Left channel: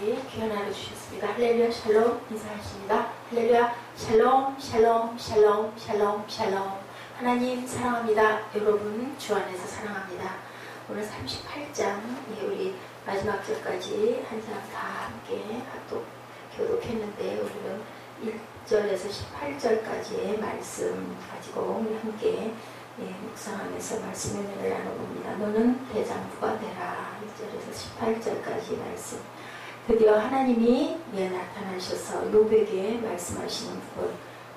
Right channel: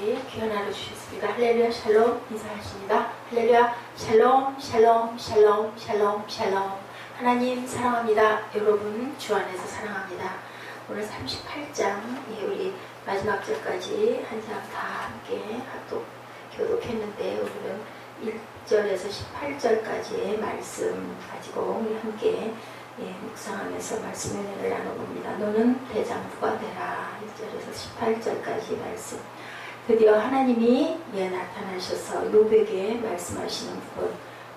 우리 귀한 하루 주셨습니다. 할렐루야 샬롬 인사하십니다. 할렐루야 샬롬 샬롬 샬롬 샬롬 샬롬. 하나님 사랑합니다. 여러분 주 안에서 사랑합니다. 오늘 38장 우리 마지막 절까지 한 장 다 함께 교독했는데 오늘은 1절에서 18절까지의 말씀 가지고 우리 함께 묵상하면서 말씀의 은혜를 나눠봅니다. 너는 대장부가 되라. 1절에서 18절까지 말씀. 드디어 하나님이 나타나셔서 욥에게 말씀하시는 부분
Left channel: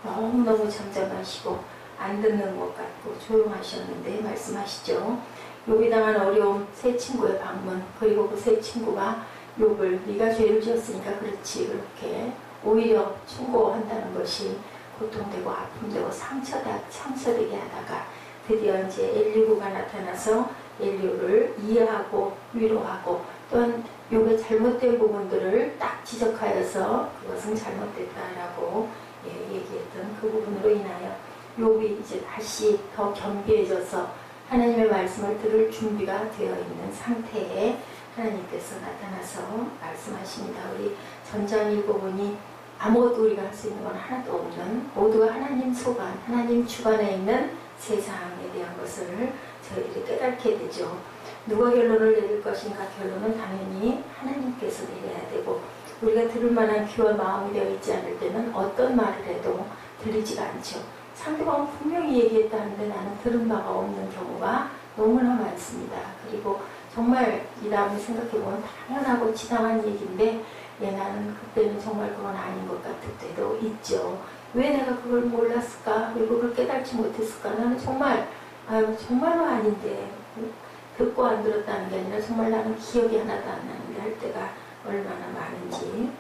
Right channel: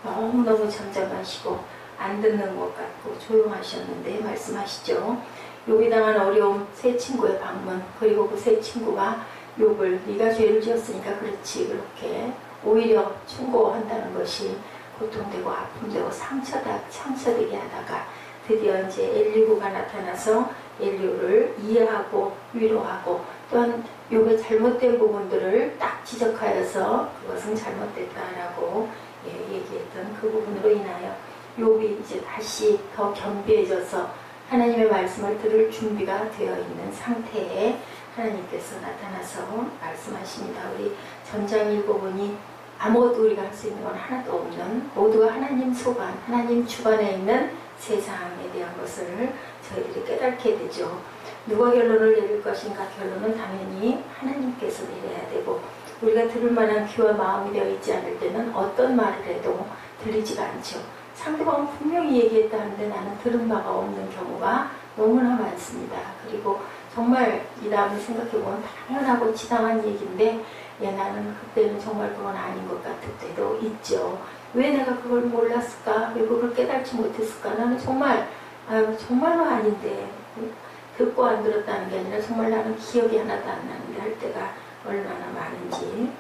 너무너무 잠잠하시고 안 듣는 것 같고 조용하셨는데 말씀하시죠. 욥이 당한 어려움, 세 친구의 방문, 그리고 그 세 친구가 욥을 네가 죄를 지었으니까 그렇지 그렇게 오히려 충고한다는 것이 고통되고 아픔되고 상처되게 하다가 드디어 이제 엘리후가 나타나서 엘리후를 이해하고 위로하고 또한 욥의 잘못된 부분들을 딱 지적하여서 그것은 잘못됐다라고 얘기했던 그 부분으로 인하여 욥이 이제 다시 더 겸비해져서 하나님의 말씀을 들을 준비가 되어 있는 상태에 하나님께서 나타나서 말씀하십니다. 우리 전장 읽어보니 아무것도 우리가 할 수 있는 건 하나도 없는 모두가 하나님 소관, 하나님 주관에 있는 세상에 대한 것을 저희들이 깨닫게 되죠. 누가 결론을 내릴 것인가? 결론은 당연히 하나님께서 내려야 되고 우리가 들을 만한 귀와 마음이 되어 있지 않을 때는 어떤 말을 해도 들리지가 않죠. 상대방은 분명히 얘기했다는데 나는 들은 바가 없는 경우가 너무나 많습니다. 그리고 정말 이 다음에 생각해보면 당연하고 지당한 얘기인데 나는 그때는 정말 그건 아닌 것 같을 때도 있죠. 왜 내가 그걸 몰랐을까? 왜 그걸 깨닫지 못했을까? 나는 정말로 아닌데 듣고 안 들었다는 게 아니라 정말 나는 기억이 하나도 안 나는데 할 때가 얼마나 많은지.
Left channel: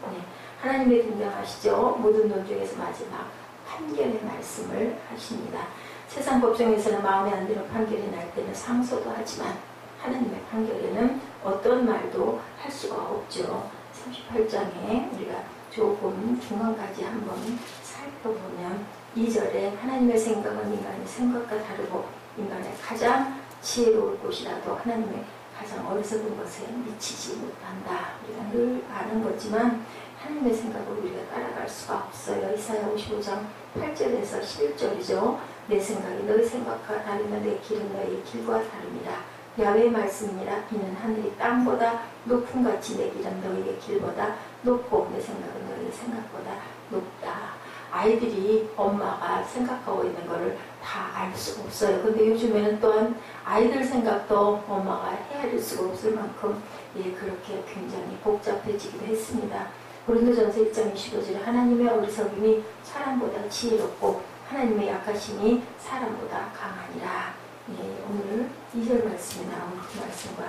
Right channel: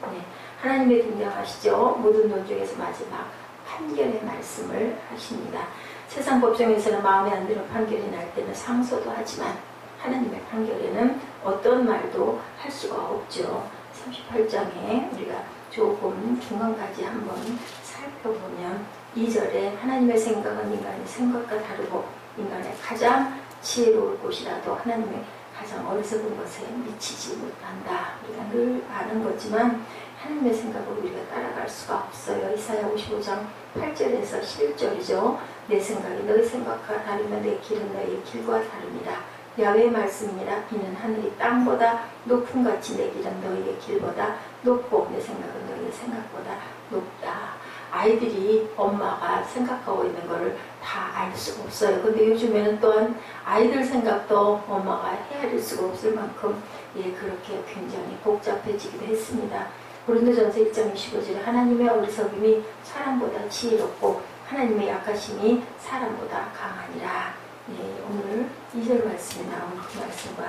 하나님의 등장하시죠. 모든 돈 중에서 마지막 판결의 말씀을 하십니다. 세상 법정에서는 마음에 안 드는 판결이 날 때는 상소도 하지만 하나님의 판결에는 어떤 말도 할 수가 없죠. 38장에 우리가 조금 중간까지 한번 살펴보면 2절에 하나님의 생각은 인간의 생각과 다르고 인간의 가장 지혜로울 곳이라도 하나님의 가장 어리석은 것에 미치지 못한다. 우리가 늘 아는 거지만 하나님의 생각을 우리가 따라갈 수가 없어요. 이사야 55장 8절에서 11절이죠. 내 생각이 너의 생각과 다르면 내 길은 너의 길과 다릅니다. 야훼의 말씀이니라. 이는 하늘이 땅보다 높음같이 내 길은 너희의 길보다 높고 내 생각은 너희의 생각보다 높다. 아이들이 엄마가 생각하고 있는 거를 다 알 수가 없어요. 근데 요즘에는 또한 아이들 생각도 엄마가 헤아릴 수가 없을 만큼 그렇게 굉장히 복잡해지기도 했습니다. 고린도전서 1장 25절에 하나님의 어리석음이 사람보다 지혜롭고 하나님의 약하심이 사람보다 강하니라. 오늘 2절 말씀에 나온 그 말씀과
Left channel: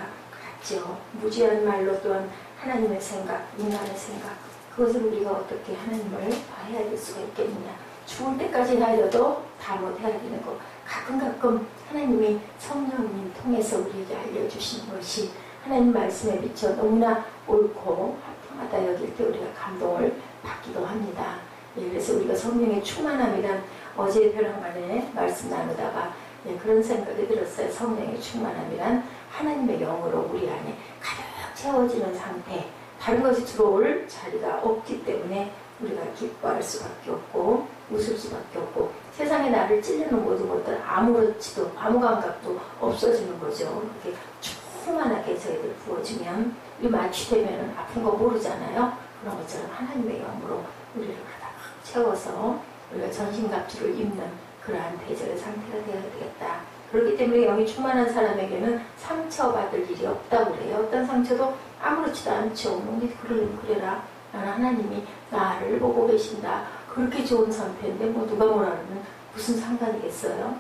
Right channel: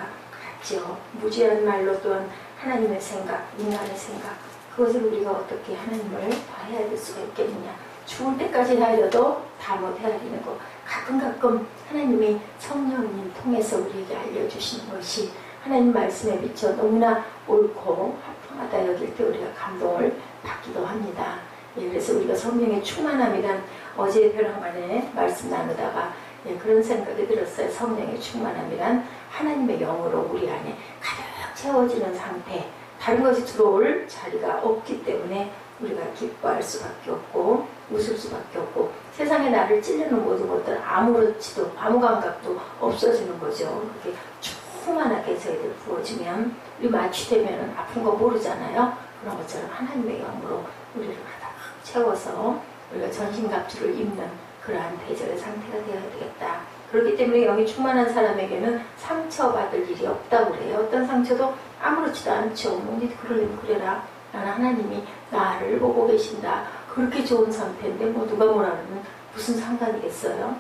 같죠. 무지한 말로 또한 하나님의 생각, 인간의 생각 그것을 우리가 어떻게 하나님을 다 헤아릴 수가 있겠느냐. 죽을 때까지 헤아려도 다 못 헤아리는 것. 가끔 하나님이 성령님 통해서 우리에게 알려주신 것이 하나님 말씀에 비춰 너무나 옳고 합당하다 여길 때 우리가 감동을 받기도 합니다. 그래서 우리가 성령의 충만함이란 어제 벼랑간에 말씀 나누다가 그런 생각이 들었어요. 성령의 충만함이란 하나님의 영으로 우리 안에 가득 채워지는 상태. 다른 것이 들어올 자리가 없기 때문에 우리가 기뻐할 수밖에 없고 웃을 수밖에 없고 세상에 나를 찔리는 모든 것들 아무렇지도 아무 감각도 없어지는 거죠. 그렇게 충만하게 저희들 부어지면 우리 마취되면 아픈 거 모르잖아요. 그런 것처럼 하나님의 영으로 우리를 가득 채워서 우리가 전신갑주를 입는 그러한 대절의 상태가 되어야 되겠다. 그렇기 때문에 영이 충만한 사람에게는 상처받을 일이 없다고 그래요. 어떤 상처도 아무렇지도 않죠. 니 그러려면 그래라. 나는 하나님이 나를 보고 계신다. 그렇게 좋은 상태인데 누가 뭐라 그러면 무슨 상관이겠어요.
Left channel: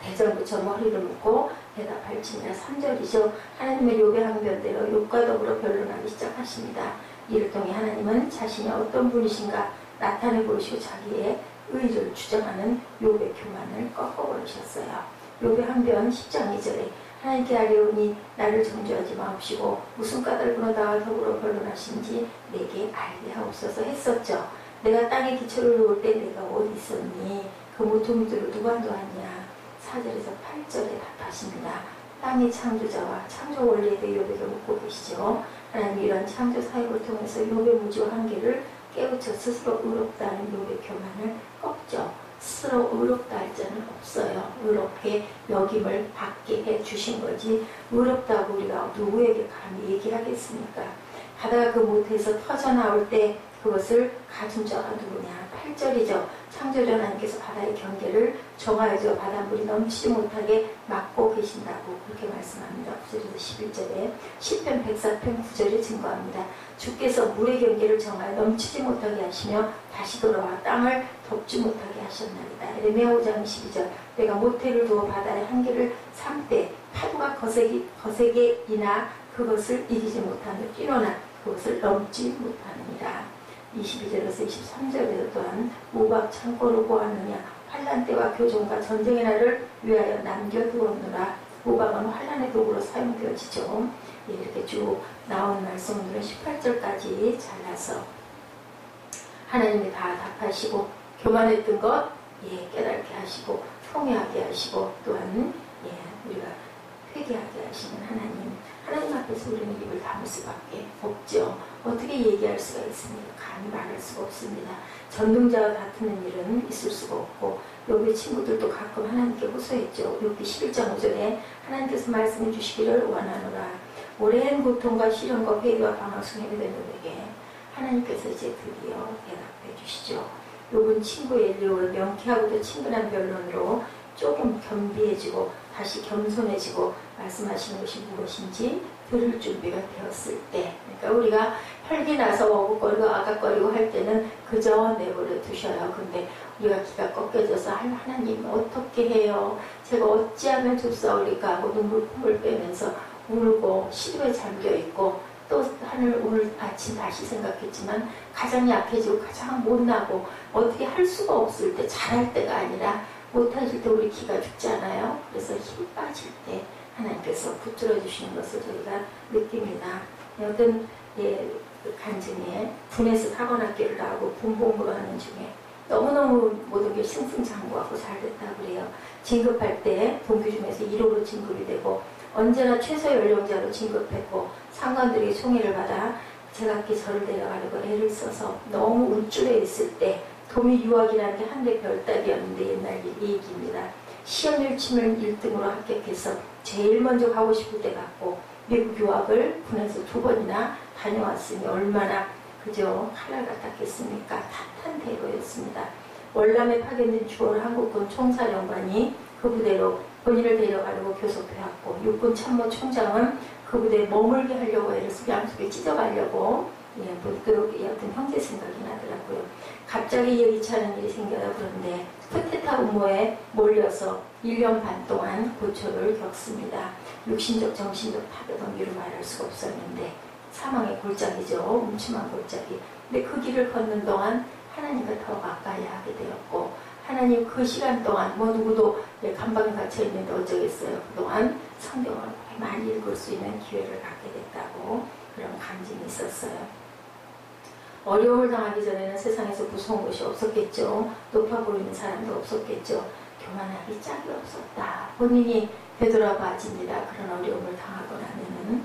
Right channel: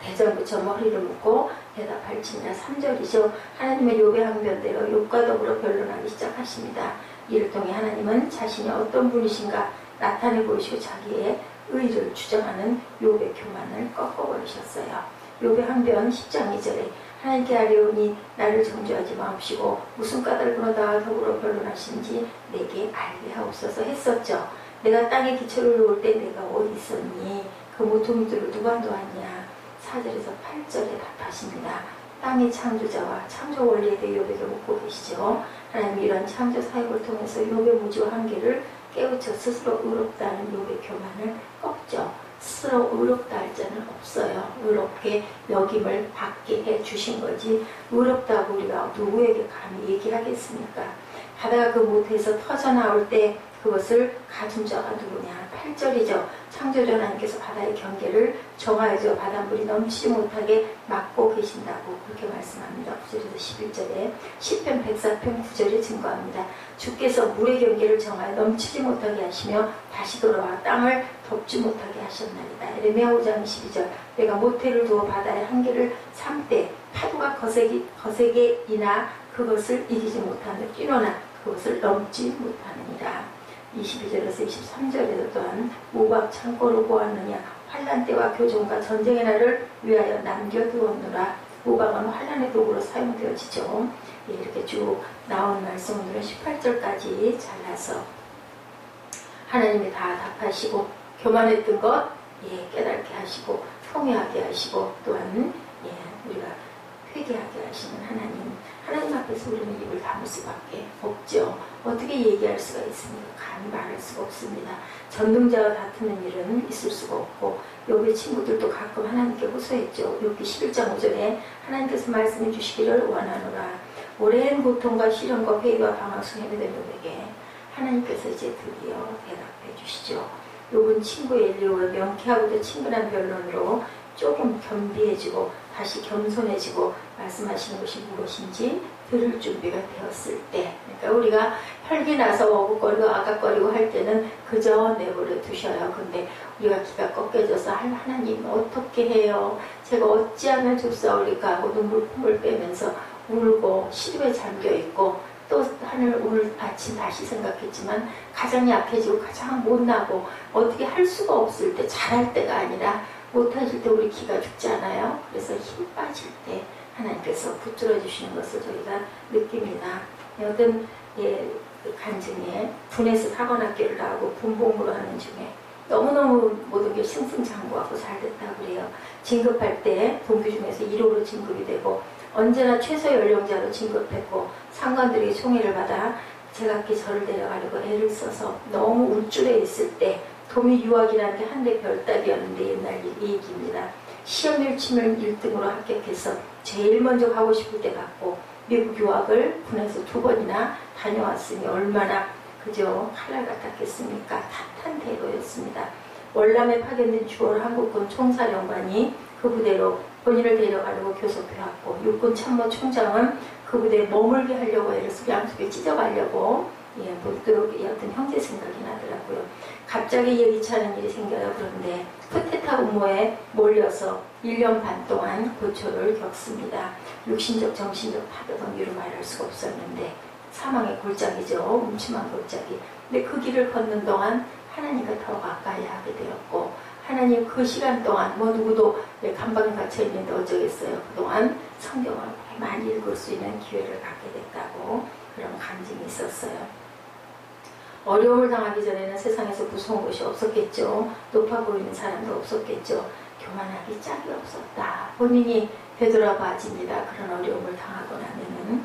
대절부처럼 허리를 묶고 대답할지니라. 3절이죠. 하나님의 욥의 항변대로 욥과 더불어 변론하기 시작하십니다. 이를 통해 하나님은 자신이 어떤 분이신가 나타내 보이시고 자기의 의를 주장하는 욥의 교만을 꺾어버리셨어요. 욥의 항변 10장 2절에 하나님께 아뢰오니 나를 정죄하지 마옵시고 무슨 까닭으로 나와 더불어 변론하신지 내게 알게 하옵소서 했었죠. 내가 땅에 기초를 놓을 때 내가 어디 있었니? 그 모퉁이들을 누가 놓았냐? 4절에서 8절에 답하십니다. 땅의 창조자와 창조 원리에 대해 욥에게 묻고 계시죠. 하나님이 이런 창조 사역을 통해서 욥의 무지와 한계를 깨우쳐 스스로 의롭다는 욥의 교만을 꺾죠. 스스로 의롭다 할 자는 없어요. 의롭게 여김을 받게 해주신 거지 의롭다고 우리가 누구에게 감히 얘기하겠습니까? 바다가 그 못에서 터져나올 때 그것을 가진 자가 누구냐? 8절이죠. 창조주 하나님께서 바다의 경계를 정하여져 바닷물이 넘치지 못하게 막고 계신다고 그렇게 말씀합니다. 9절에서 11절에 시편 104편 9절에 증거합니다. 주께서 물의 경계를 정하여 넘치지 못하게 하시며 다시 돌아와 땅을 덮지 못하게 하셨나이다. 에레미야 5장 12절 내가 모태를 두어 바다의 한계를 삼때 파도가 거세게 이나 그것을 이기지 못하며 뛰노나 그것을 넘지 못하느니라. 22절에서 23절에도 또한 모박 창고를 보았느냐 환란 때와 교종과 전쟁의 날을 위하여 남겨두었노라. 모박은 환란의 도구로 사용되어지죠. 이렇게 쭉 나온 말씀들은 18절까지 잘라서 하나님이 다 답하시고 교만했던 것 깨닫게 하시고 통회하게 하시고 또한 우리가 회개하게 하시는 하나님 앞에서 우리는 입을 다물 수밖에 없죠. 어떻게 얘기할 수가 있습니까? 감히 말할 수가 없습니다. 전능자와 다투는 일은 있을 수가 없고 욥의 친구들도 가끔 하나님께 호소했죠. 욥기 11장 5절에 하나님께서 말씀해 주시기를 원하노라. 오랜 고통과 시련과 회개와 방황 속에 된 욥에게 하나님께서 이제 드디어 대답해 주시죠. 욥은 친구 엘리오의 명쾌하고도 친근한 변론으로 조금 겸비해지고 다시 겸손해지고 말씀하시는 것이 무엇인지 들을 준비가 되었을 때, 그러니까 우리가 혈기 나서 어긋거리고 아각거리고 할 때는 그저 내버려 두셔요. 근데 우리가 기가 꺾여져서 하나님 어떻게 해요? 제가 어찌하면 좋사오리까 하고 눈물품을 빼면서 울고 시름에 잠겨있고 또 오늘 아침 다시 생각했지만 가장 약해지고 가장 못나고 어떻게 할 수가 없을 때 잘할 때가 아니라 못하실 때 우리 기가 죽잖아요. 그래서 힘 빠질 때 하나님께서 붙들어 주시는 것을 저희가 느낍니다. 어떤 간증에 분해서 사관학교를 나오고 분봉부를 하는 중에 너무너무 모든 게 승승장구하고 잘 됐다고 그래요. 진급할 때 동기 중에서 1호로 진급이 되고 언제나 최소 연령자로 진급했고 상관들이 총애를 받아 제각기 저를 데려가려고 애를 써서 너무 우쭐해 있을 때 도미 유학이라는 게 한대 별따기였는데 옛날 얘기입니다. 시험을 치면 1등으로 합격해서 제일 먼저 가고 싶을 때 갔고 미국 유학을 분해서 2번이나 다녀왔으니 얼마나 그저 칼날 같았겠습니까? 탓한 대로였습니다. 월남에 파견된 주월 한국군 총사령관이 그 부대로 본인을 데려가려고 교섭해왔고 육군 참모총장은 그 부대에 머물게 하려고 애를 쓰고 양쪽에 찢어가려고 문득 어떤 형제 생각이 나더라고요. 갑자기 예기치 않은 일이 생겨요. 그런데 쿠데타 음모에 몰려서 1년 반 동안 고초를 겪습니다. 육신적 정신적 파괴범위로 말할 수가 없었는데 사망의 골짜기죠. 음침한 골짜기. 근데 그 길을 걷는 동안 하나님과 더 가까이 하게 되었고 하나님 그 시간 동안 누구도 감방에 갇혀 있는데 어쩌겠어요. 그동안 성경을 많이 읽을 수 있는 기회를 갖게 됐다고 그런 감정이 있었어요. 어려움을 당하기 전에는 세상에서 무서운 것이 없었겠죠. 높아 보이는 사람도 없었겠죠. 교만하기 짝이 없었다. 본인이 되돌아봐집니다. 그런 어려움을 당하고 나면은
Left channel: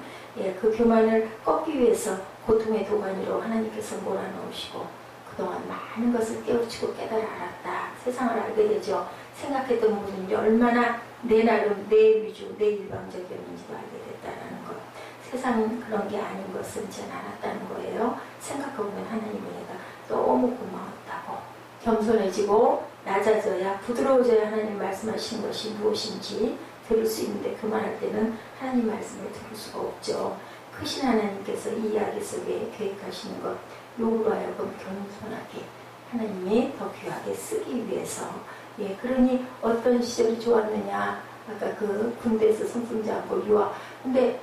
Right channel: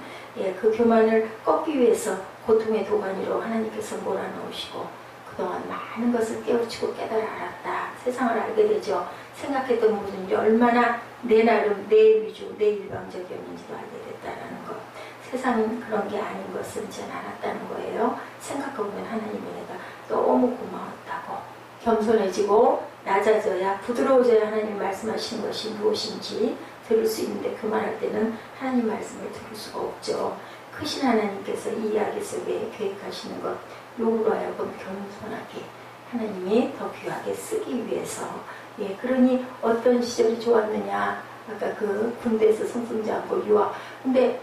그 교만을 꺾기 위해서 고통의 도가니로 하나님께서 몰아넣으시고 그동안 많은 것을 깨우치고 깨달아 알았다. 세상을 알게 되죠. 생각했던 모든 일이 얼마나 내 나름, 내 위주, 내 일방적이었는지도 알게 됐다는 것. 세상은 그런 게 아닌 것을 이제 알았다는 거예요. 생각해보면 하나님의 내가 너무 고마웠다고 겸손해지고 낮아져야 부드러워져야 하나님 말씀하시는 것이 무엇인지 들을 수 있는데 그만할 때는 하나님 말씀을 들을 수가 없죠. 크신 하나님께서 이 이야기 속에 계획하시는 것 욥으로 하여금 겸손하게 하나님이 더 귀하게 쓰기 위해서 그러니 어떤 시절이 좋았느냐 아까 그 군대에서 승승장구 유학 근데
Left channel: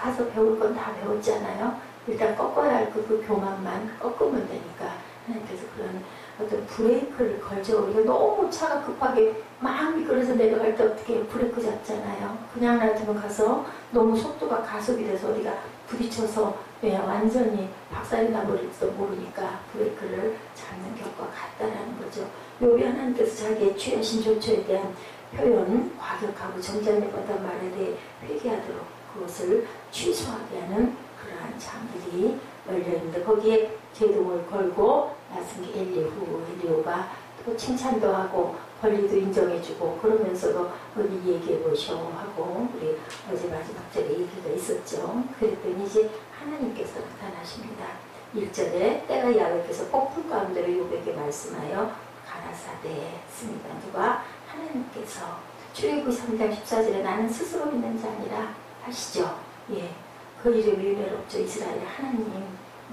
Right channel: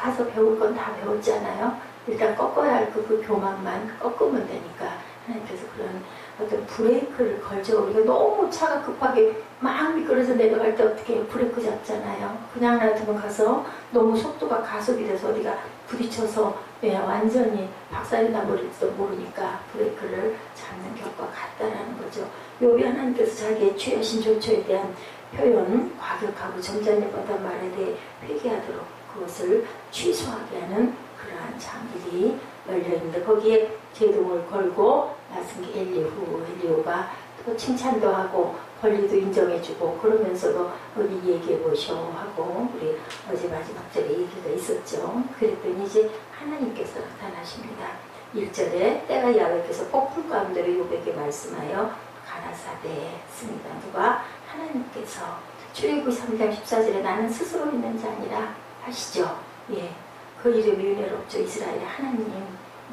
가서 배울 건 다 배웠잖아요. 일단 꺾어야 할 그 교만만 꺾으면 되니까 하나님께서 그런 어떤 브레이크를 걸죠. 우리가 너무 차가 급하게 막 미끄러져 내려갈 때 어떻게 브레이크 잡잖아요. 그냥 놔두면 가서 너무 속도가 가속이 돼서 우리가 부딪혀서 완전히 박살이 나버릴지도 모르니까 브레이크를 잡는 격과 같다라는 거죠. 욥이 하나님께서 자기의 취하신 조처에 대한 표현, 과격하고 점잖이보다 말에 대해 회개하도록 그것을 취소하게 하는 그러한 장들이 열려있는데 거기에 제동을 걸고 나선 게 엘리후가 또 칭찬도 하고 권리도 인정해주고 그러면서도 우리 얘기해보셔 하고 우리 어제 마지막 절에 얘기가 있었죠. 그랬더니 이제 하나님께서 나타나십니다. 1절에 때가 야훼께서 폭풍 가운데로 욥에게 말씀하여 가라사대 했습니다. 누가? 하나님께서 출애굽기 3장 14절에 나는 스스로 있는 자 아니라 하시죠. 예, 그 이름이 은혜롭죠. 이스라엘 하나님,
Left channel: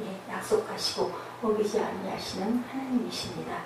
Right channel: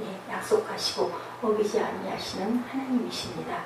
예, 약속하시고 어기지 아니하시는 하나님이십니다.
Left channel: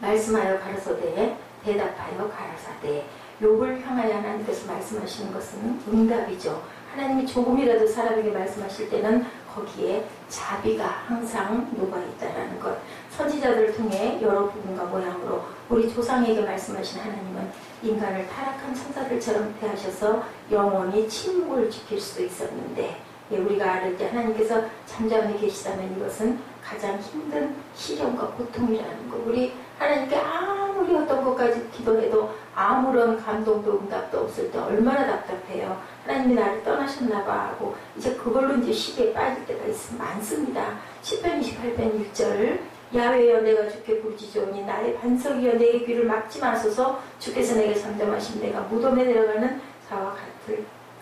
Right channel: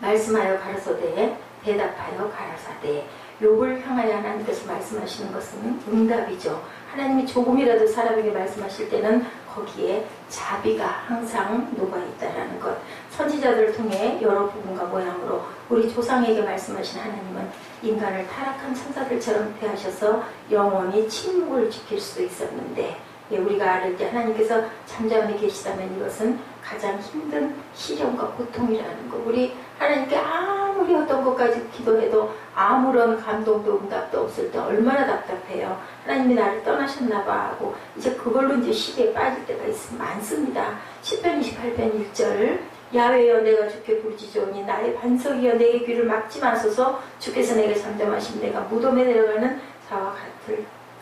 말씀하여 가라사대, 대답하여 가라사대. 욥을 향하여 하나님께서 말씀하시는 것은 응답이죠. 하나님이 조금이라도 사람에게 말씀하실 때는 거기에 자비가 항상 녹아있다라는 것. 선지자들을 통해 여러 부분과 모양으로 우리 조상에게 말씀하신 하나님은 인간을 타락한 천사들처럼 대하셔서 영원히 침묵을 지킬 수도 있었는데 우리가 알을 때 하나님께서 잠잠히 계시다면 이것은 가장 힘든 시련과 고통이라는 거. 우리 하나님께 아무리 어떤 것까지 기도해도 아무런 감동도 응답도 없을 때 얼마나 답답해요. 하나님이 나를 떠나셨나 봐 하고 이제 그걸로 이제 시기에 빠질 때가 많습니다. 10편 28편 1절 야훼여 내가 주께 부르짖으오니 나의 반석이여 내게 귀를 막지 마소서. 주께서 내게 잠잠하시면 내가 무덤에 내려가는 자와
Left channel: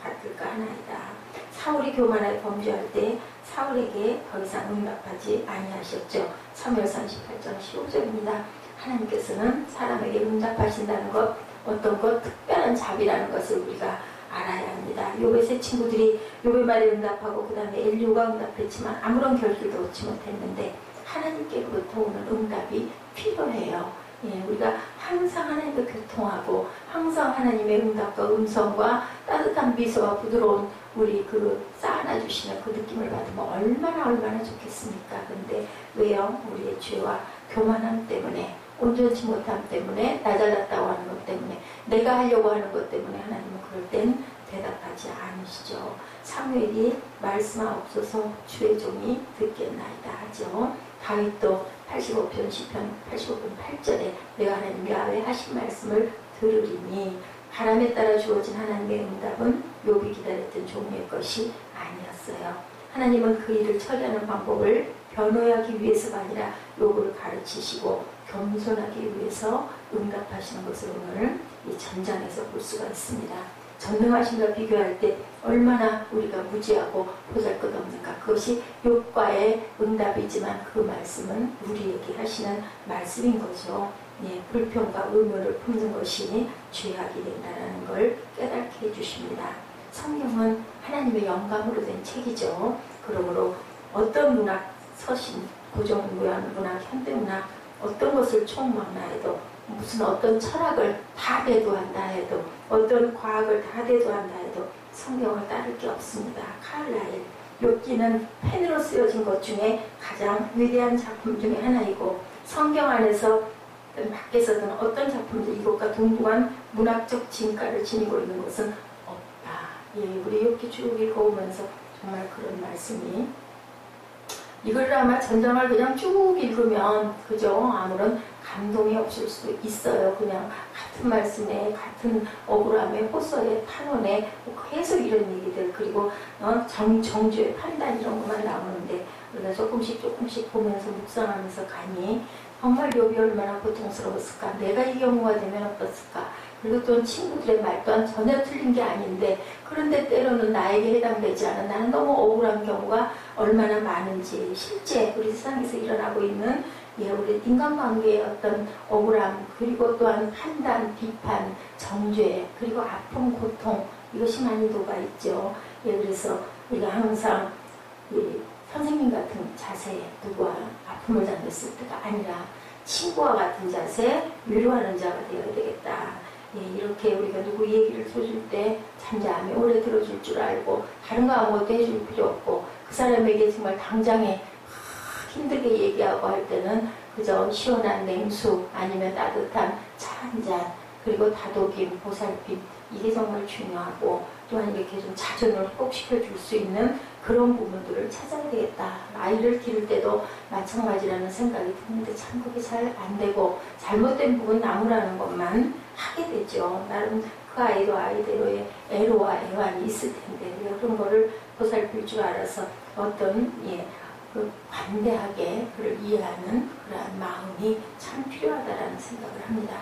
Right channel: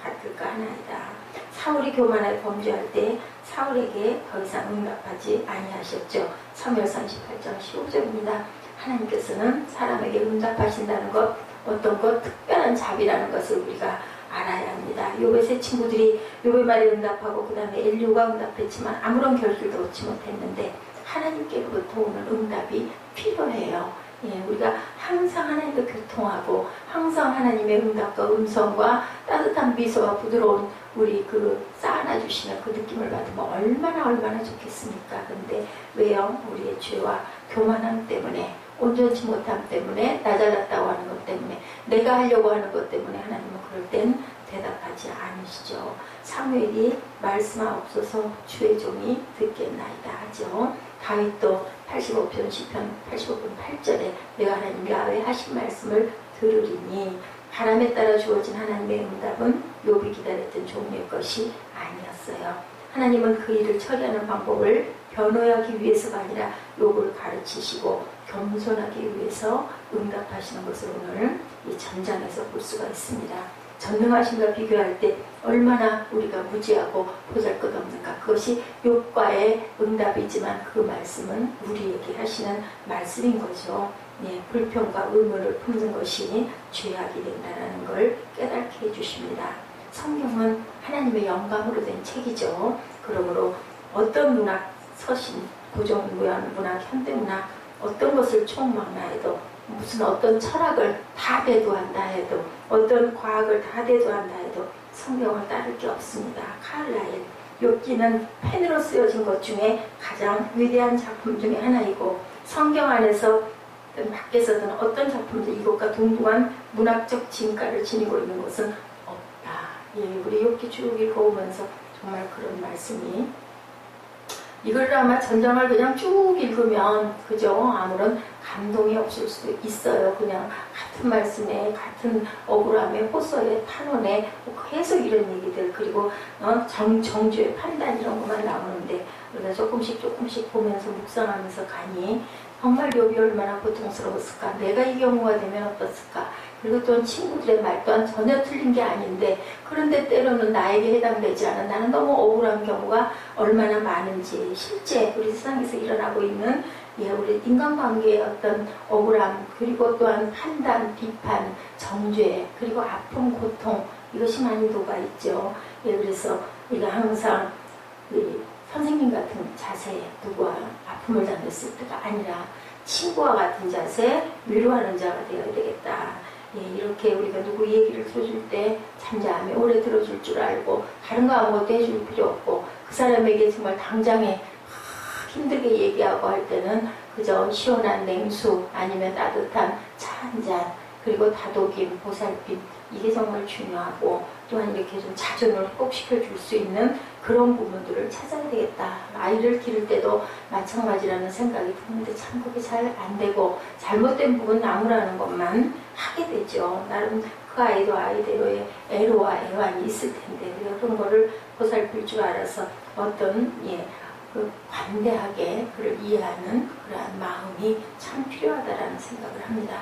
같을까 하나이다. 사울이 교만하게 범죄할 때 사울에게 더 이상 응답하지 아니하셨죠. 사무엘상 18장 15절입니다. 하나님께서는 사람에게 응답하신다는 것, 어떤 것 특별한 자비라는 것을 우리가 알아야 합니다. 욥의 세 친구들이 욥의 말에 응답하고 그 다음에 엘리후가 응답했지만 아무런 결실도 얻지 못했는데 하나님께로부터 오는 응답이 필요해요. 예, 우리가 항상 하나님과 교통하고 항상 하나님의 응답과 음성과 따뜻한 미소와 부드러운 우리 그 쌓아놔주시는 그 느낌을 받으면 얼마나 좋겠습니까? 근데 왜요? 우리의 죄와 교만함 때문에 온전치 못함 때문에 나 잘났다고 하는 것 때문에 내가 하려고 하는 것 때문에 하나님은 그럴 땐 대답하지 않으시죠. 사무엘이 말씀하옵소서 주의 종이 듣겠나이다 하죠. 다윗도 85편 10편 85편 8절에 내가 하나님 야훼 하신 말씀을 들으리니 바람에 따라 주어진 하나님의 응답은 욥이 기다렸던 종의 것이 아니었어요. 하나님은 그 일을 처리하는 방법을 변호하기 위해서가 아니라 욥을 가르치시고 겸손하기 위해서 응답하시는 것을 오늘 이 전장에서 볼 수가 있습니다. 전능하신과 비교할 때 얼마나 우리가 무지하고 보잘것없는가. 그것이 욥과의 응답이지만 그 말씀은 우리에게 하시는 말씀인 거죠. 예, 불평과 의문을 품는 것이 죄악이 된다는 걸 깨닫게 해주십니다. 성경은 하나님의 영감으로 된 책이죠. 그러므로 어떤 문학, 서신, 고전문학, 현대문학 어떤 것을 총망라 해도 무슨 어떤 철학을 다 대두한다 해도 어떤 과학을 다 대두한다 해도 성경을 따를 게 없습니다. 카를라일, 욥기는 펜으로 쓰여진 것 중에 가장 위대한 작품 중에 하나이고 성경 안에서 밖에서든 어떤 작품도 이것과 동등한 문학적 진가를 지니고 있는 것은 없다. 예, 우리 욥기 쭉 읽어오면서 정말 그런 말씀이 이걸 아마 전장을 그냥 쭉 읽으면 그죠? 아무런 감동이 없을 수도 있어요. 그냥 같은 말씀에 같은 억울함에 호소에 탄원에 계속 이런 얘기들 그리고 정죄 판단 이런 것만 나오는데 우리가 조금씩 보면서 묵상하면서 가니 정말 욥이 얼마나 고통스러웠을까. 내가 이 경우가 되면 어떻을까. 그리고 또 친구들의 말 또한 전혀 틀린 게 아닌데 그런데 때로는 나에게 해당되지 않은 나는 너무 억울한 경우가 얼마나 많은지 실제 우리 세상에서 일어나고 있는 우리 인간관계의 어떤 억울함 그리고 또한 판단, 비판, 정죄 그리고 아픔, 고통 이것이 많이 녹아있죠. 그래서 우리가 항상 선생님 같은 자세 누구와 아픔을 당했을 때가 아니라 친구와 같은 자세 위로하는 자가 되어야 되겠다. 이렇게 우리가 누구 얘기를 들어줄 때 잠잠히 오래 들어줄 줄 알고 다른 거 아무것도 해줄 필요 없고 그 사람에게 정말 당장에 힘들게 얘기하고 할 때는 그저 시원한 냉수 아니면 따뜻한 차 한 잔, 그리고 다독임, 보살핌, 이게 정말 중요하고, 또한 이렇게 좀 자존을 회복시켜 줄 수 있는 그런 부분들을 찾아야 되겠다. 아이를 기를 때도 마찬가지라는 생각이 드는데 참 그게 잘 안 되고, 잘못된 부분 나무라는 것만 하게 되죠. 나름 그 아이도 아이대로의 애로와 애환이 있을 텐데, 그런 거를 보살필 줄 알아서 어떤 그 관대하게 그를 이해하는 그러한 마음이 참 필요하다라는 생각을 합니다.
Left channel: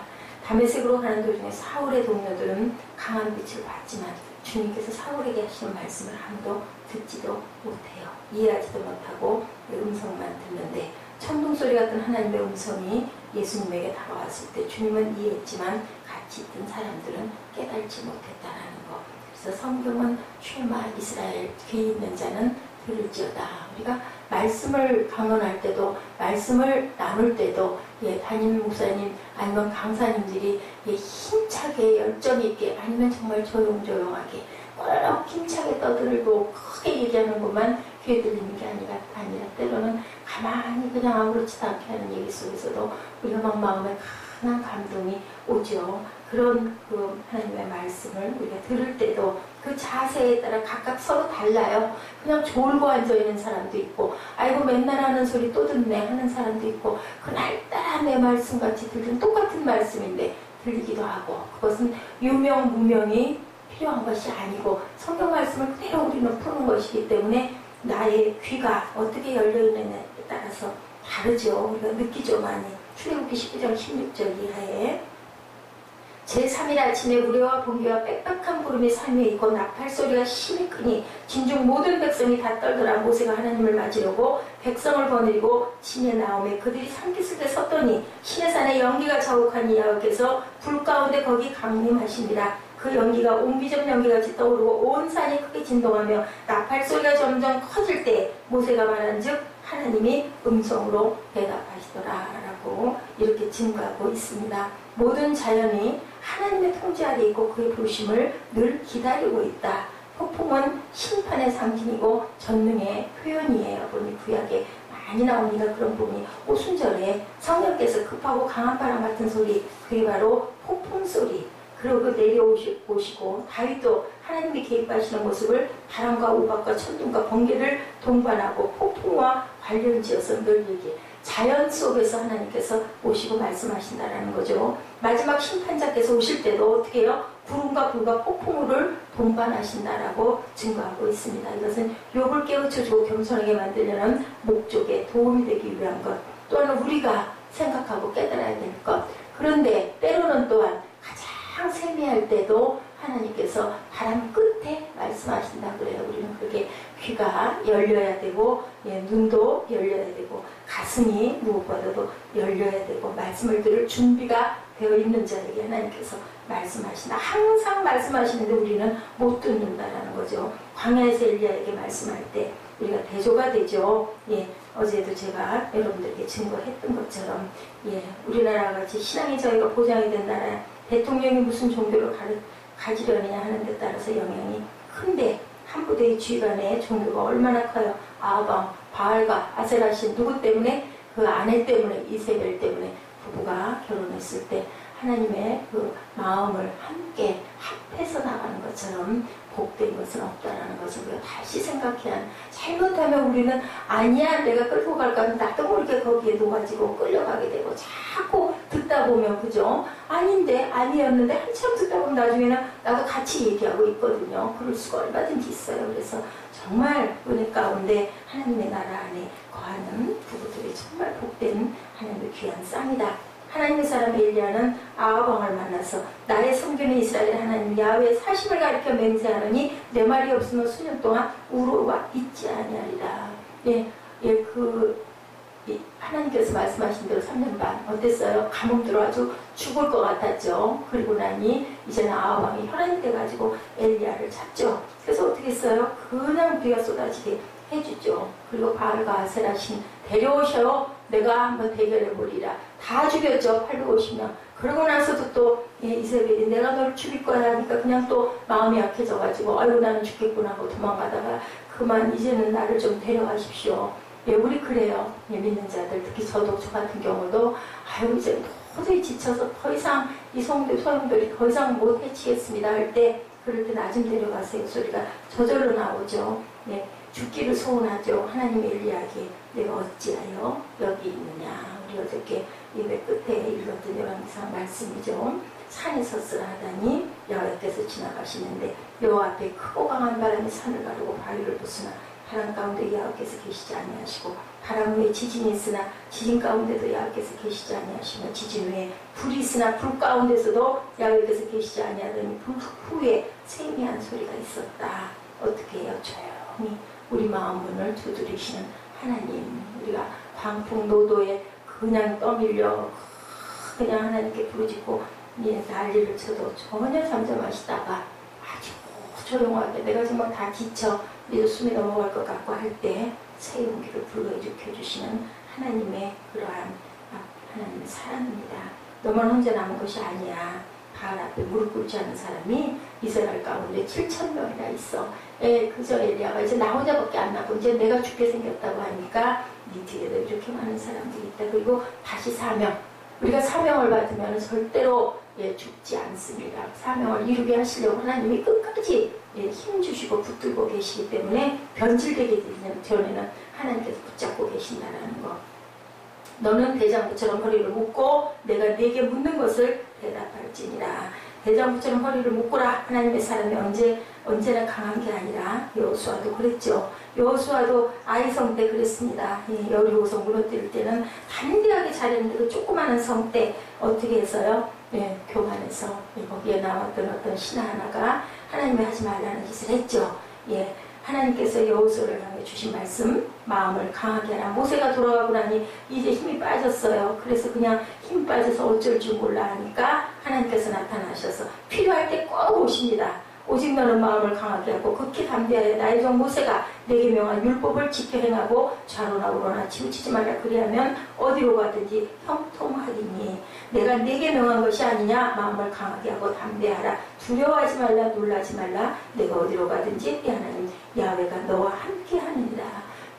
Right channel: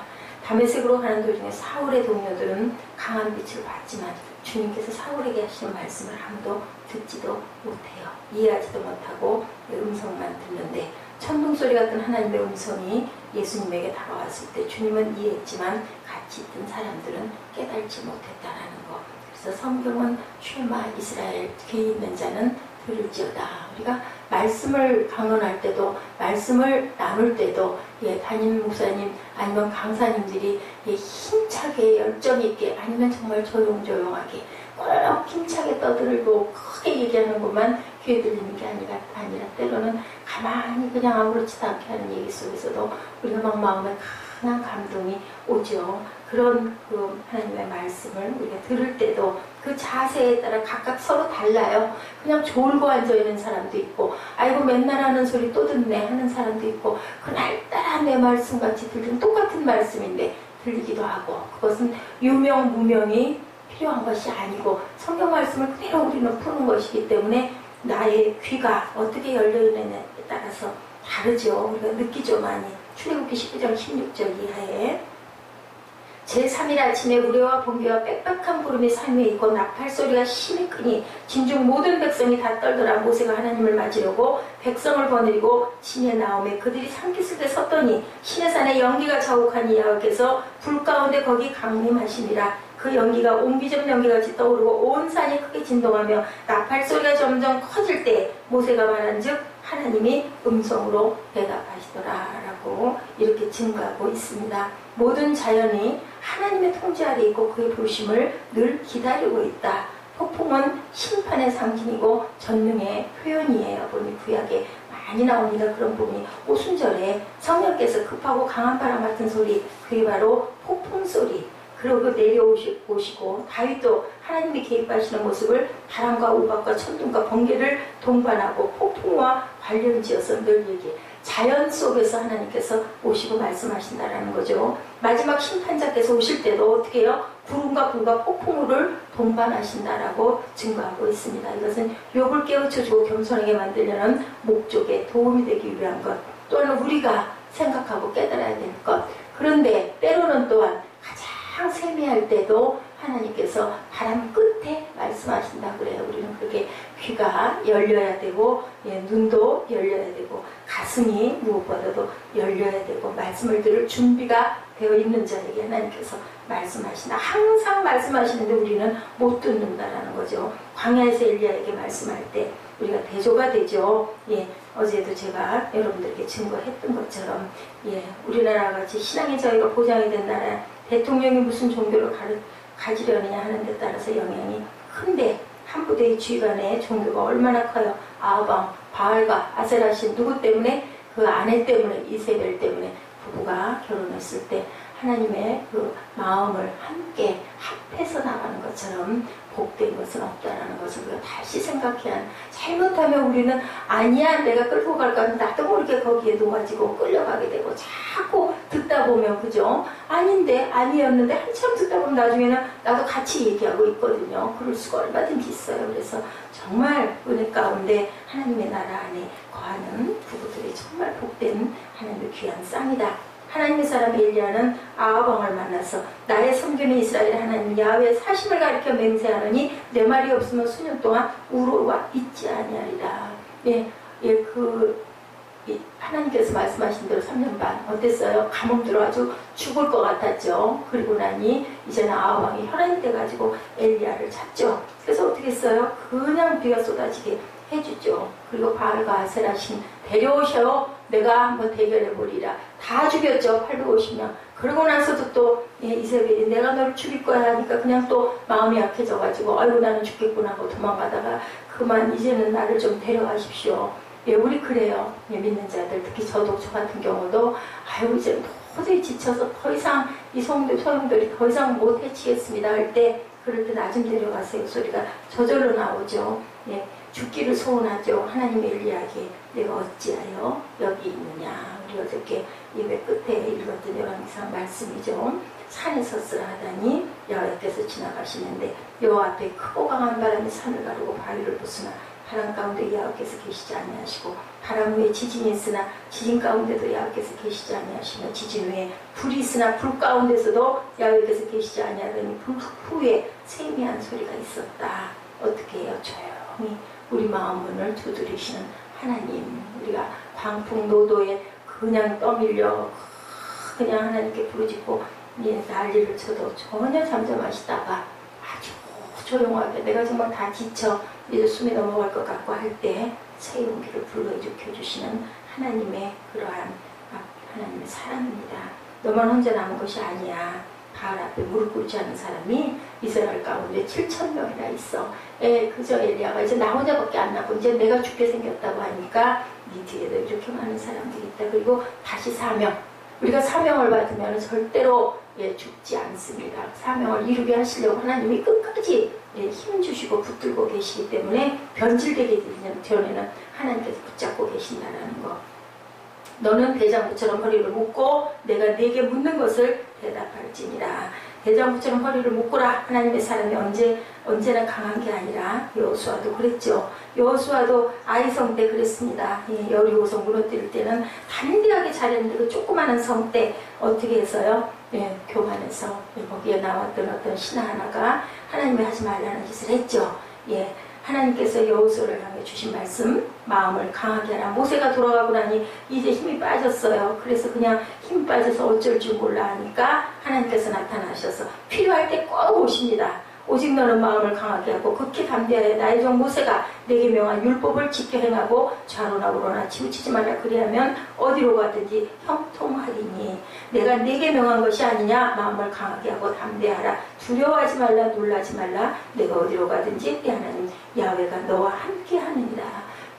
다메섹으로 가는 도중에 사울의 동료들은 강한 빛을 봤지만 주님께서 사울에게 하시는 말씀을 아무도 듣지도 못해요. 이해하지도 못하고 음성만 듣는데, 천둥소리 같은 하나님의 음성이 예수님에게 다가왔을 때 주님은 이해했지만 같이 있던 사람들은 깨달지 못했다라는 거. 그래서 성경은 쉐마 이스라엘, 귀 있는 자는 들을지어다. 우리가 말씀을 강론할 때도, 말씀을 나눌 때도 담임 목사님 아니면 강사님들이 힘차게 열정 있게, 아니면 정말 조용조용하게 꼭 힘차게 떠들고 크게 얘기하는 것만 귀에 들리는 게 아니라 때로는 가만히 그냥 아무렇지도 않게 하는 얘기 속에서도 우리가 막 마음에 강한 감동이 오죠. 그런 그 하나님의 말씀을 우리가 들을 때도 그 자세에 따라 각각 서로 달라요. 그냥 졸고 앉아있는 사람도 있고, 아이고 맨날 하는 소리 또 듣네 하는 사람도 있고, 그날따라 내 말씀같이 들리는 똑같은 말씀인데 들리기도 하고, 그것은 유명 무명이 필요한 것이 아니고 성경 말씀을 그대로 우리는 푸는 것이기 때문에 나의 귀가 어떻게 열려있느냐에 따라서 다르죠. 우리가 느끼죠. 많이. 출애굽기 19장 16절 이하에 제3일 아침에 우레와 번개와 빽빽한 구름이 산위에 있고 나팔 소리가 심히 크니 진중 모든 백성이 다 떨더라. 모세가 하나님을 맞으려고 백성을 거느리고 진에 나오매 그들이 산기슭에 섰더니 시내 산에 연기가 자욱하니 여호와께서 불 가운데 거기 강림하시니라. 그 연기가 옹기적 연기같이 떠오르고 온 산이 크게 진동하며 나팔 소리가 점점 커질 때 모세가 말한즉 하나님이 음성으로 대답하시더라 라고 이렇게 증거하고 있습니다. 모든 자연이 하나님의 통제 아래 있고 그의 보심을 늘 기다리고 있다. 폭풍은 심판의 상징이고 전능의 표현이에요. 보니 구약에 많이 나옵니다. 그런 부분이 오순절에 성령께서 급하고 강한 바람 같은 소리, 그게 바로 폭풍 소리. 그리고 내려오시고 다윗도 하나님이 개입하시는 모습을 바람과 우박과 천둥과 번개를 동반하고 폭풍과 관련지어서 늘 얘기해. 자연 속에서 하나님께서 오시고 말씀하신다라는 거죠. 마지막 심판자께서 오실 때도 어떻게 해요? 구름과 불과 폭풍우를 동반하신다라고 증거하고 있습니다. 이것은 욥을 깨우쳐주고 겸손하게 만들려는 목적에 도움이 되기 위한 것, 또한 우리가 생각하고 깨달아야 될 것. 그런데 때로는 또한 가장 세미할 때도 하나님께서 바람 끝에 말씀하신다 그래요. 우리는 그렇게 귀가 열려야 되고, 눈도 열려야 되고, 가슴이 무엇보다도 열려야 되고, 말씀을 들을 준비가 되어 있는 자에게 하나님께서 말씀하신다. 항상 말씀하시는데 우리는 못 듣는다라는 거죠. 광야에서 엘리야에게 말씀할 때 우리가 대조가 되죠. 어제도 제가 여러분들에게 증거했던 것처럼, 우리나라 같이 신앙의 자유가 보장이 된 나라, 대통령이 무슨 종교를 가지려느냐 하는 데 따라서 영향이 큰데, 한 부대의 지휘관의 종교가 얼마나 커요. 아방, 바알과 아세라신 누구 때문에? 그 아내 때문에, 이세벨 때문에 부부가 결혼했을 때 하나님의 그 마음을 함께 합해서 나가는 것처럼 복된 것은 없다라는 것을 우리가 다시 생각해야 하는. 잘못하면 우리는 아니야 내가 끌고 갈까 하면 나도 모르게 거기에 녹아지고 끌려가게 되고, 자꾸 듣다 보면 그죠? 아닌데 아니었는데 한참 듣다 보면 나중에는 나도 같이 얘기하고 있거든요. 그럴 수가 얼마든지 있어요. 그래서 정말 은혜 가운데 하나님의 나라 안에 거하는 부부들이 정말 복된 하나님의 귀한 쌍이다. 하나님의 사람 엘리야는 아합 왕을 만나서 나의 섬기는 이스라엘 하나님 야훼의 사심을 가리켜 맹세하느니 내 말이 없으면 수년 동안 우로와 있지 아니하리라. 하나님께서 말씀하신 대로 3년 반 어땠어요? 가뭄 들어 아주 죽을 것 같았죠. 그리고 나니 이제는 아합 왕이 혈안이 돼가지고 엘리야를 찾죠. 그래서 어떻게 했어요? 그냥 비가 쏟아지게 해주죠. 그리고 바알과 아세라신 데려오셔요. 내가 한번 대결해보리라. 다 죽였죠. 850명. 그러고 나서도 또 이세벨이 내가 너를 죽일 거야 하니까 그냥 또 마음이 약해져가지고 아이고 나는 죽겠구나 하고 도망가다가 그만 이제는 나를 좀 데려가십시오. 예, 우리 그래요. 예, 믿는 자들, 특히 저 같은 경우도, 아유, 이제 도저히 지쳐서 더 이상 이 소용돌이 더 이상 못 해치겠습니다 할 때, 그럴 때 나 좀 데려가세요 소리가 저절로 나오죠. 예, 죽기를 소원하죠. 하나님의 엘리야에게 내가 어찌하여 여기 있느냐. 우리 어저께 예배 끝에 읽었던 요한계시록 말씀이죠. 산에 섰으라 하다니 여호와께서 지나가시는데 여호와 앞에 크고 강한 바람이 산을 가르고 바위를 부수나 바람 가운데 여호와께서 계시지 아니하시고 바람 후에 지진이 있으나 지진 가운데도 여호와께서 계시지 아니하시며 지진 후에 불이 있으나 불 가운데서도 여호와께서 계시지 아니하더니 불 후에 세미한 소리가 있었다. 어떻게 해요? 조용히 우리 마음문을 두드리시는 하나님. 우리가 광풍노도에 그냥 떠밀려 그냥 하나님께 부르짖고 난리를 쳐도 전혀 잠잠하시다가 아주 조용하게 내가 정말 다 지쳐 이제 숨이 넘어갈 것 같고 할 때 새 용기를 불러일으켜주시는 하나님의 그러한 하나님의 사랑입니다. 너만 혼자 남은 것이 아니야. 바알 앞에 무릎 꿇지 않은 사람이 이스라엘 가운데 7,000명이나 있어. 그저 엘리야가 이제 나 혼자밖에 안 남고 이제 내가 죽게 생겼다고 하니까 네 뒤에도 이렇게 많은 사람들이 있다. 그리고 다시 사명. 우리가 사명을 받으면 절대로 죽지 않습니다. 사명을 이루게 하시려고 하나님이 끝까지 힘 주시고 붙들고 계시기 때문에 변질되기 전에는 하나님께서 붙잡고 계신다는 거. 너는 대장부처럼 허리를 묶고 내가 네게 묻는 것을 대답할지니라. 대장부처럼 허리를 묶으라. 하나님의 사람이 언제나 강한 게 아니라 여호수아도 그랬죠. 여호수아도 아이성 때 그랬습니다. 여리고성 무너뜨릴 때는 담대하게 잘했는데 그 조그마한 성 때 어떻게 해서요? 교만해서 거기에 나왔던 어떤 신하 하나가 하나님이 하지 말라는 짓을 했죠. 하나님께서 여호수아를 향해 주신 말씀, 마음을 강하게 하라. 모세가 돌아가고 나니 이제 힘이 빠졌어요. 그래서 그냥 힘 빠져서 어쩔 줄 몰라 하니까 하나님께서 나타나셔서 필요할 때 꼭 오십니다. 오직 너는 마음을 강하게 하고 극히 담대하여 나의 종 모세가 내게 명한 율법을 지켜 행하고 좌로나 우로나 치우치지 말라. 그리하면 어디로 가든지 형통하리니. 내가 내게 명한 것이 아니냐. 마음을 강하게 하고 담대하라. 두려워하지 말라. 놀라지 말라. 내가 어디로 가든지 네 하나님 야훼가 너와 함께 하느니라.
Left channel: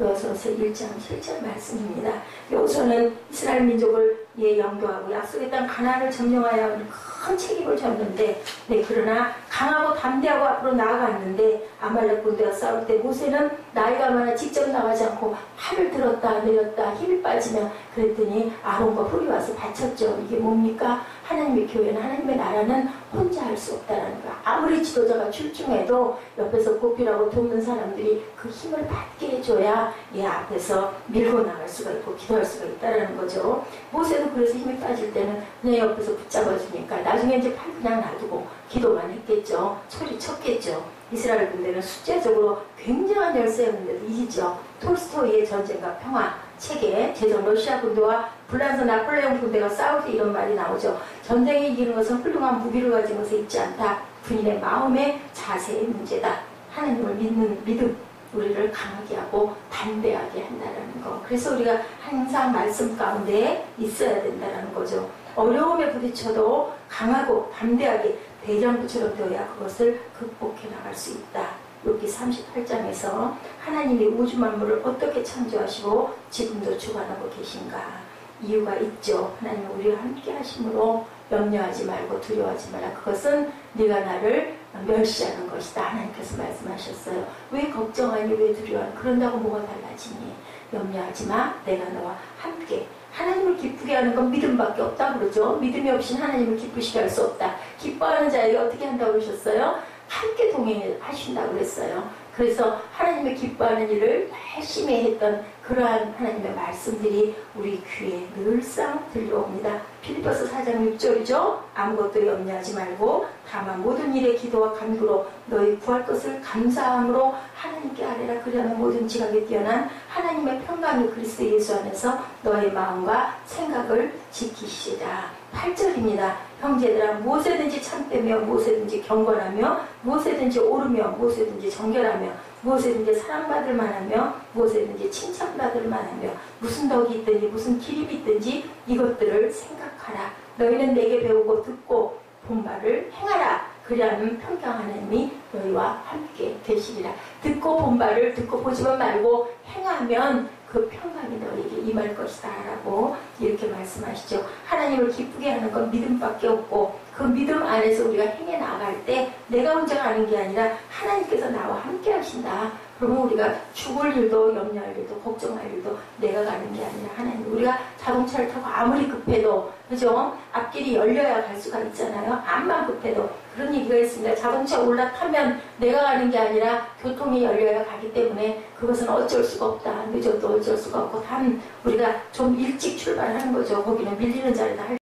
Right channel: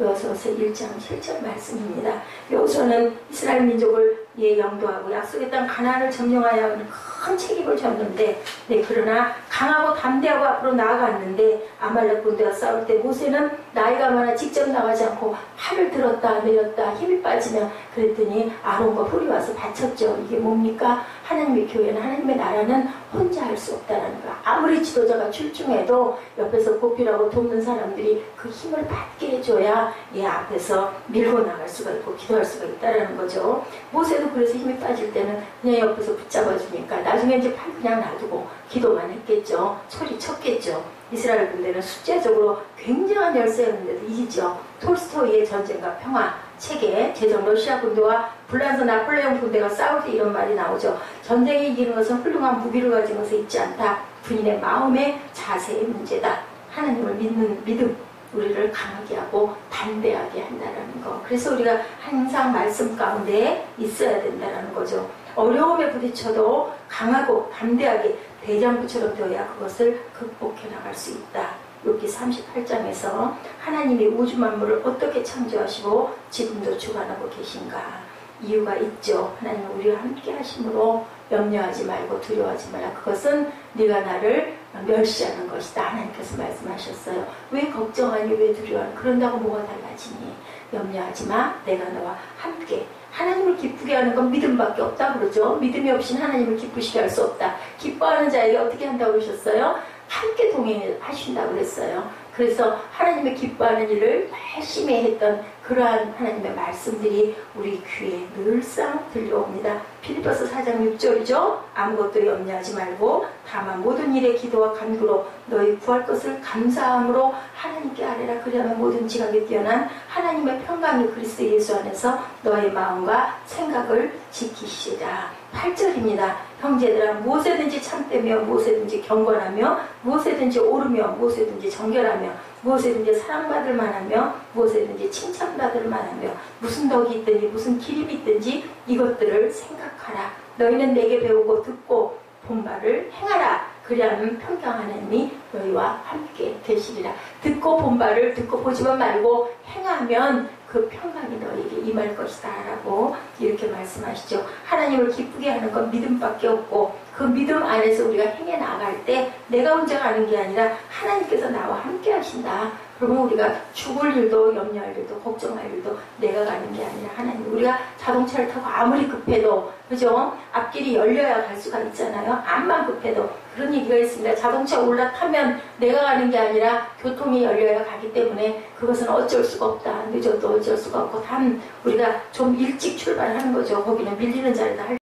여호수아서 1장 7절 말씀입니다. 여호수아는 이스라엘 민족을 영도하고 약속의 땅 가나안을 점령하여 하는 큰 책임을 졌는데 그러나 강하고 담대하고 앞으로 나아갔는데 아말렉 군대와 싸울 때 모세는 나이가 많아 직접 나가지 않고 팔을 들었다 내렸다 힘이 빠지면 그랬더니 아론과 훌이 와서 다쳤죠. 이게 뭡니까? 하나님의 교회는 하나님의 나라는 혼자 할 수 없다는 거야. 아무리 지도자가 출중해도 옆에서 보필하고 돕는 사람들이 그 힘을 받게 해줘야 앞에서 밀고 나갈 수가 있고 기도할 수가 있다는 거죠. 모세도 그래서 힘이 빠질 때는 그냥 옆에서 붙잡아주니까 나중에 이제 팔 그냥 놔두고 기도만 했겠죠. 소리 쳤겠죠. 이스라엘 군대는 숫자적으로 굉장한 열세였는데도 이기죠. 톨스토이의 전쟁과 평화 책에 제정 러시아 군대와 불란서 나폴레옹 군대가 싸울 때 이런 말이 나오죠. 전쟁에 이기는 것은 훌륭한 무기를 가진 것에 있지 않다. 군인의 마음의 자세의 문제다. 하나님을 믿는 믿음, 우리를 강하게 하고 담대하게 한다는 거. 그래서 우리가 항상 말씀 가운데 있어야 된다는 거죠. 어려움에 부딪혀도 강하고 담대하게 대장부처럼 되어야 그것을 극복해 나갈 수 있다. 욥기 38장에서 하나님이 우주 만물을 어떻게 창조하시고 지금도 주관하고 계신가. 이유가 있죠. 하나님은 우리와 함께 하심으로 염려하지 말고 두려워하지 말라. 그것은 네가 나를 멸시하는 것이다. 하나님께서 말씀하셨어요. 왜 걱정하니 왜 두려워하니. 그런다고 뭐가 달라지니. 염려하지 마. 내가 너와 함께. 하나님을 기쁘게 하는 건 믿음밖에 없다 그러죠. 믿음이 없이는 하나님을 기쁘시게 할 수 없다. 기뻐하는 자에게 어떻게 한다고 그러셨어요? 함께 동행하신다고 그랬어요. 그래서 하나님의 기뻐하는 일을 열심히 했던 그러한 하나님의 말씀들이 우리 귀에 늘상 들려옵니다. 필리포스 4장 6절이죠. 아무것도 염려하지 말고 다만 모든 일에 기도와 간구로 너희 구할 것을 감사함으로 하나님께 아뢰라. 그리하면 모든 지각에 뛰어난 하나님의 평강이 그리스도 예수 안에서 너의 마음과 생각을 지키시리라. 8절입니다. 형제들아 무엇에든지 참되며 무엇에든지 경건하며 무엇에든지 오르며 무엇에든지 정결하며 무엇에든지 사랑받을 만하며 무엇에든지 칭찬받을 만하며 무슨 덕이 있든지 무슨 기림이 있든지 이것들을 생각하라. 너희는 내게 배우고 듣고 본 바를 행하라. 그리하면 평강 하나님이 너희와 함께 계시리라. 듣고 본 바를 듣고 보지만 말고 행하면 그 평강이 너에게 임할 것이다 라고 이렇게 말씀하시죠. 하나님을 기쁘게 하는 건 믿음밖에 없고 그 믿음 안에서 우리가 행해 나갈 때 내가 혼자 가는 게 아니라 하나님께서 나와 함께 하신다. 그러면 우리가 죽을 일도 염려할 일도 걱정할 일도 내가 가는 게 아니라 하나님. 우리가 자동차를 타고 아무리 급해도 그죠? 앞길이 열려야 갈 수가 있잖아요. 암만 급해도 그런 얘기가 있습니다. 자동차 올라타면 내가 가는 게 아니라 교통이 열려야 가기 때문에 그것은 어쩔 수가 없다. 늦어도 어쩔 수가 없고 단 우리가 좀 일찍 출발하는 거죠. 거기는 밀리는 자리다 할